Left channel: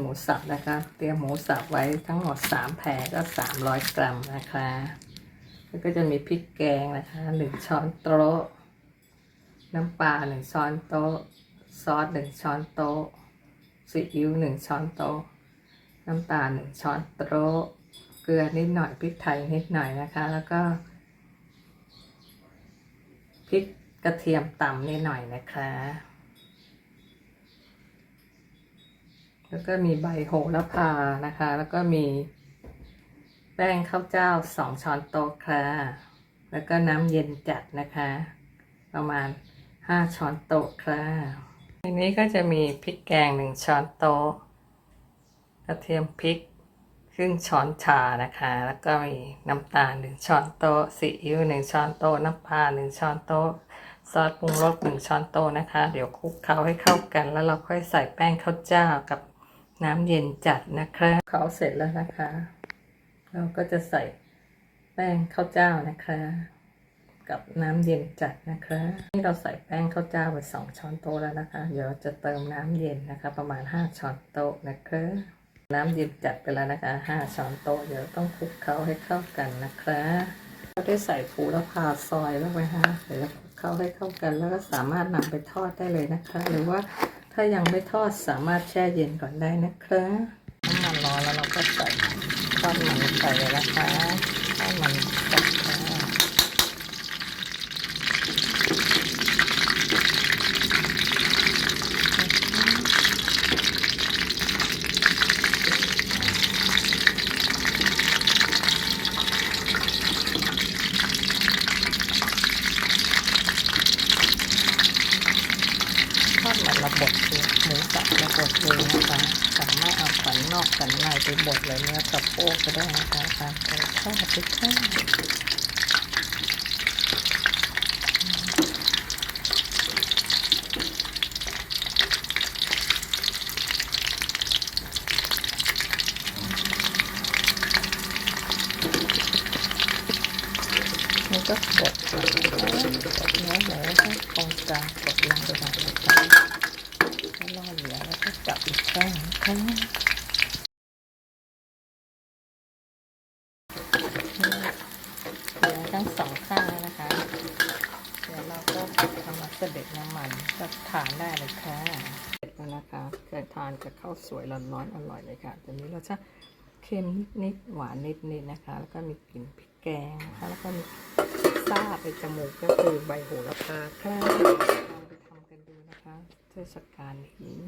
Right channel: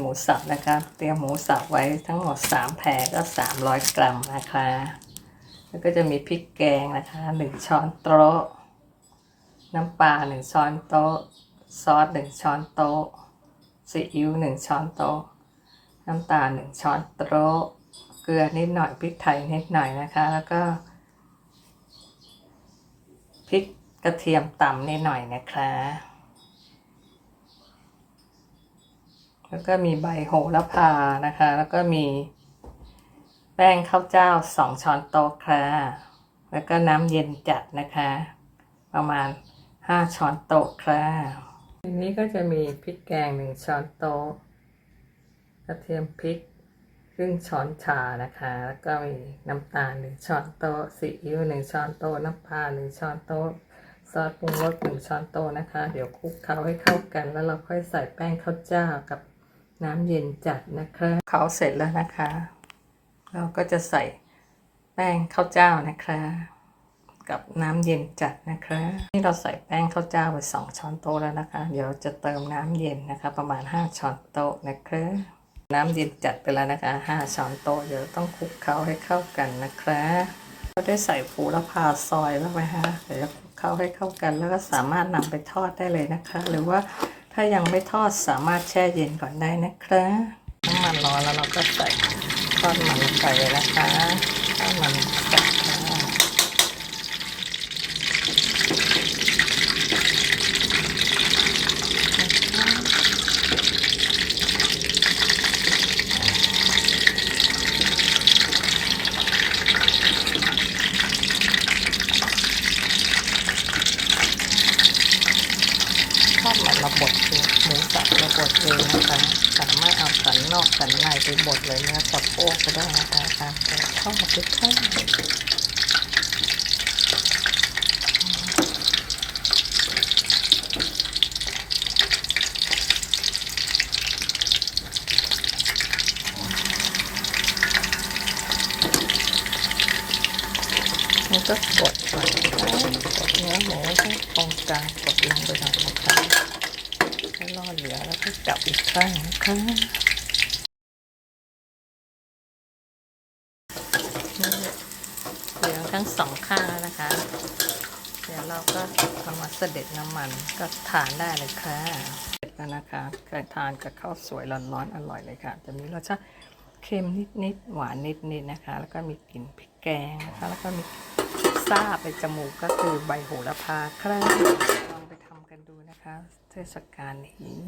หมูสับนะคะ เตรียมหมูสับไว้ทั้งหมด3แผงก็300กรัมนะคะ แล้วก็จะมีพริกแกงนะคะ1ช้อนโต๊ะ น้ำปลา1ช้อนโต๊ะ ซอส1ช้อนโต๊ะ ซีอิ๊ว1ช้อนโต๊ะ น้ำตาล1ช้อนโต๊ะ เกลือนิดหน่อยพริกไทยนิดหน่อยนะคะ แล้วก็พริกกระเทียมต่ำนิดหน่อยนะคะ แล้วก็มีใบโหระพานะคะ แล้วก็มี แป้งข้าวเจ้าสองช้อนโต๊ะค่ะ แล้วก็น้ำเย็นจัดนะคะ ประมาณห้าช้อนโต๊ะค่ะทีนี้ก็จะมีพริกแกงหนึ่งช้อนโต๊ะกระเทียมพริกครึ่งช้อนชานะคะ แล้วก็มีน้ำตาลหนึ่งช้อนโต๊ะซีอิ๊วหนึ่งช้อนโต๊ะน้ำปลาหนึ่งช้อนโต๊ะซอสปรุงรสหนึ่งช้อนโต๊ะนะคะ เดี๋ยวคลุกเคล้าให้เข้ากัน แล้วเราค่อยใส่แป้งข้าวเจ้ากับ น้ำเย็นจัดนะคะเคล้าเสร็จแล้วนะคะ เราก็จะใส่แป้งข้าวเจ้านะคะ กับน้ำเย็นจัดนะคะนี่เราใส่แป้งข้าวเจ้าไปสองช้อนโต๊ะแล้วนะคะ เดี๋ยวเราจะเติมน้ำเย็นนะคะ ประมาณห้าช้อนโต๊ะนะคะน้ำเย็นจัดไปแล้วนะคะห้าช้อนโต๊ะ เดี๋ยวต้องคลุกเคล้าให้เข้ากันนะคะก็ได้ใส่ผูละพาซอยแล้วไหมคะเดี๋ยวคลุกเคล้าให้เข้ากัน แล้วก็สามารถนำไปทอดได้เลยนะคะ หรือว่า ถ้ายังไม่ทอดสามารถแช่เย็นก่อนได้นะคะน้ำมันร้อนแล้วเราก็ใส่ทอดมันไปเลยนะคะทอดมันไก่ ทอดมันระบดคือหมูสับระบดเลยนะคะสามารถเอาสันนอกสันในไปบดเลยเนื้อสะโพกก็ได้นะคะตามใจชอบไปทอด นี่ก็กดก่อนนะคะกดเนื้อหมูให้ตรงกลางกดลงไปหน่อยนะคะให้ล่อเหลือแล้วก็จับอีกครั้งนะคะเหลือทั้งสองข้างนะคะ เดี๋ยวเราก็เอามาเสด็จน้ำมันก็ทานได้เลยค่ะเสร็จแล้วนะคะใครทานกับข้าวสวยร้อนๆอร่อยเลยค่ะจะมีรสชาติ เค็มนิดๆหวานนิดๆนะคะ แล้วก็มีกลิ่นพริกแกงนะคะ แล้วก็มีซาบในจมูกก็คือใบโหระพาครับลองไปทำกันดูนะคะ เทศกาลนี้